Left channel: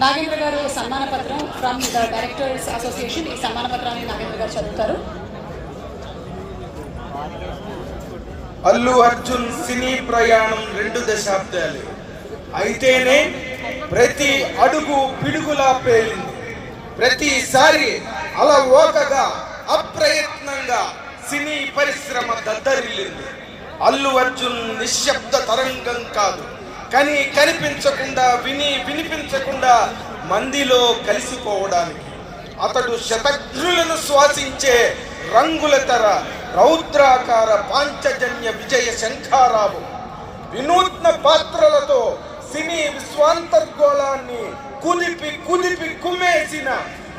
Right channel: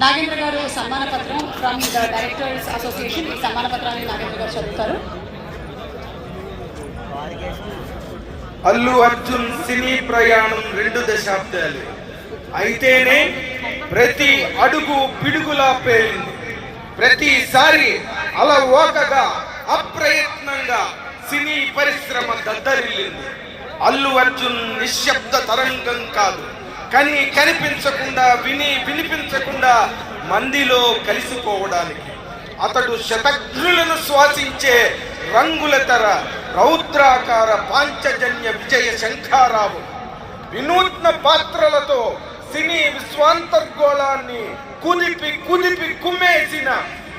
నాగేంద్ర గారు సన్మాన పత్రం ఫ్రమ్ ద డైరెక్టర్స్ అసోసియేషన్. ఈ సన్మాన పత్రాన్ని నాగేంద్ర గారు చదువుతారు. అల్లు అర్జున్ సినీ ప్రయాణం 2 దశాబ్దాలు అయితేనే ప్రతి అడుగు పిడుగులా పేలింది. ప్రతిసారి అలవోకగా అప్రయత్నంగా సినీ పరిశ్రమ దద్దరిల్లింది. అల్లు అర్జున్ నిశ్శబ్ద తరంగం కాదు, కానీ కనిపించకుండా వినిపించకుండా మందిలో కలిసిపోవడానికి. అతడు శతఘ్నులను శ్వాసించే రంగుల తెర, రౌద్రాకార పాంచజన్య విజయ శంఖారావు. వినూత్న పాత్రలతో సినీ విశ్వాంతర్గోళాన్ని కుదిపి కుమ్మేసిన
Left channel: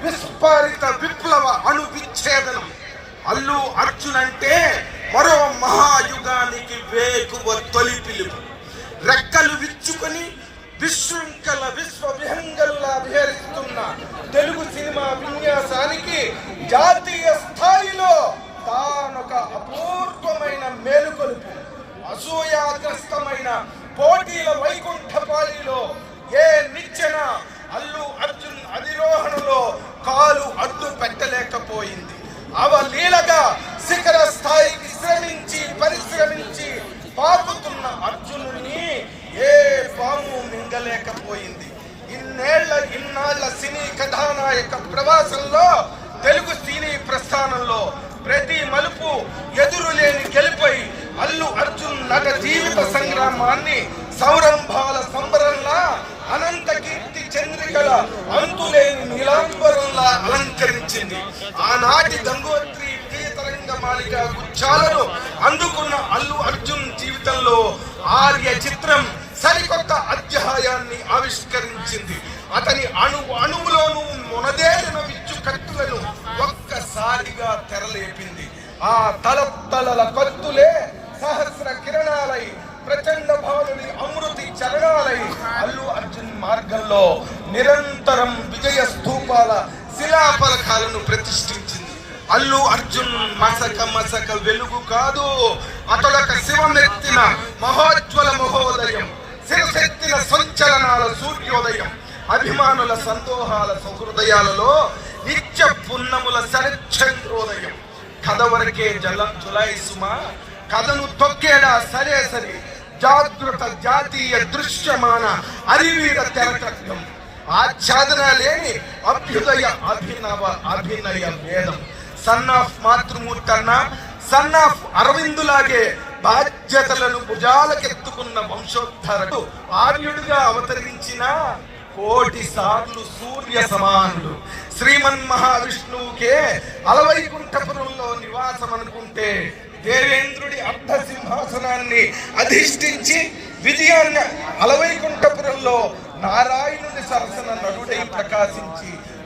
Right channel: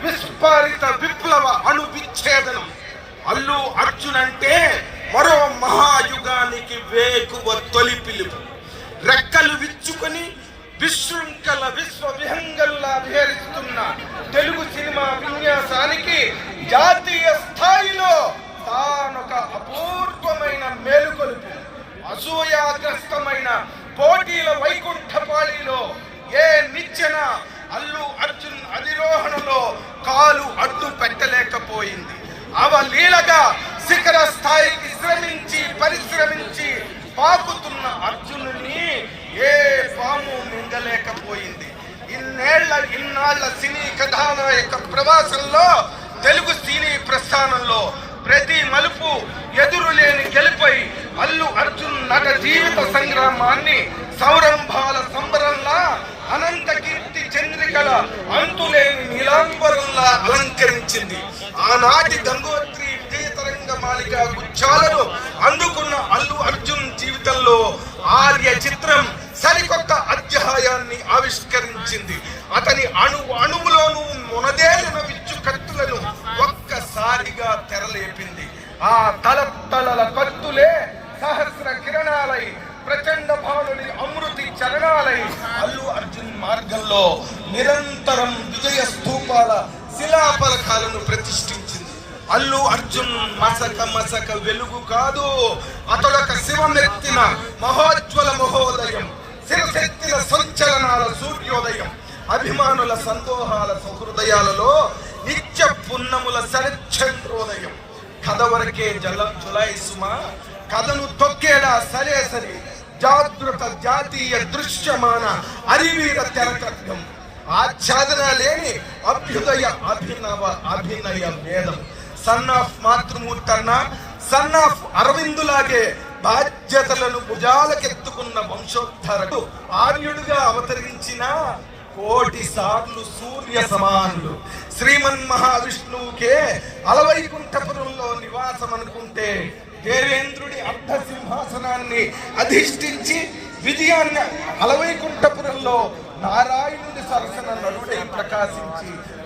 విస్ఫారిత విప్లవ అణు విచ్ఛేదనం. అల్లు అర్జున్ అంటే మరో మహాయుగానికి వేకువ తొలి పిలుపు. రెక్కలు విచ్చుకొని విశృంఖల విశ్వవిహంగల్లా విహరిస్తున్న తెలుగు సినిమా విన్యాసానికి జాతీయ స్థాయిలో తానొక అపూర్వమైన మేలుకొలుపు. అసూయాగ్రస్తమైన పోటీల వైకుంఠపాళిలో ఏ నిచ్చెన అల్లు అర్జున్ అధిరోహణలో కాలు అడ్డు పెట్టలేకపోయింది. అవలీలగా శిఖర స్థాయికి శ్రమించి పరిశ్రమించి పాకుతున్న అర్జునుని ఏ పాము మింగలేకపోయింది. ఇన్నాళ్ల సినీ కథానాయక ప్రవాసంలో, తెలుగు సినీ ప్రస్థానంలో ప్రతి మలుపు ఎదురులేని గెలుపై అల్లు అర్జున్ నట జీవిత సంగ్రామాన్ని సౌరంభాల సంబరంలా, అనంత కీర్తి చంద్రికల అంతులేని నీలాంబరంలా అలంకరించింది. ఆనాటి గంగోత్రి విజయ తరంగ మాలిక గుచ్చాలను అందుకున్న అల్లు అర్జున్ జీవితంలో ఆర్య చిత్రం సరికొత్త అధ్యాయాన్ని ఆవిష్కరించింది. అతని అణువులోనూ మునదేరిన విచ్చు కత్తులను ఒక్కసారిగా తెరలేపింది. ఆ తలతలల కత్తులే సహస్ర కిరణాలై, ప్రచండ భవనుడి అమృతి చరణాలై అల్లు అర్జున్ మార్గంలో నిరంతరం విజయ స్తూపాల శిలాఫలకాలను ప్రతిష్ఠించింది. అల్లు అర్జున్ మసక వెలుగు కాదు, అతడొక శివమెత్తిన మహోజ్వల మహోదయం, శిరసెత్తిన సంచలనాల సూర్యోదయం. అభిమానుల సందోహాల సహృదయాలలో నిత్య పున్నముల శరచంద్రోదయం. కథ వరకే జులై సుమా, కథను తొక్కేడా సరే సరి. జాగృత జాతీయ దృశ్యమాన అరివీర తెరకట్నం. ఆచ్ఛాదన లేని అభ్యుదయ అభినయ వేదం. సన్ ఆఫ్ మాతృమూర్తి అన్న, సన్ ఆఫ్ అరవిందులాగే బాధ్యతలను భుజాలకెత్తుకున్న వంశోద్ధరుడు ఆర్యుడుగా అవతరించిన కోటి సార్లు సూర్య సమానుడు. శ్రీమన్ మహావిష్ణువుకే అలవైకుంఠపురంలో నివాసం అనుకుంటే, దేవేంద్రుడి అర్ధ సింహాసనాన్ని అధిష్ఠించి విజయాన్ని అలవైకుంఠపురంలో నారాయణుడి సరసన నడుడై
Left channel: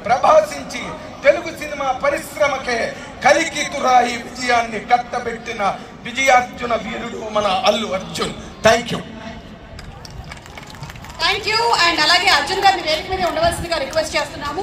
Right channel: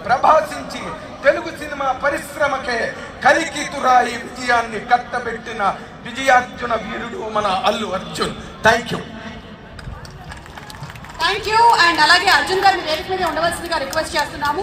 ప్రభాసించి తెలుగు సినిమా పరిశ్రమకే కలికితురాయి విజయాన్ని కట్టబెట్టిన విజయార్జున వీరుడు మన Allu Arjun. Thank you. And అలాగే అర్జున్ గారిని వేదిక మీద ఉండవలసిందిగా రిక్వెస్ట్ చేస్తున్నాము.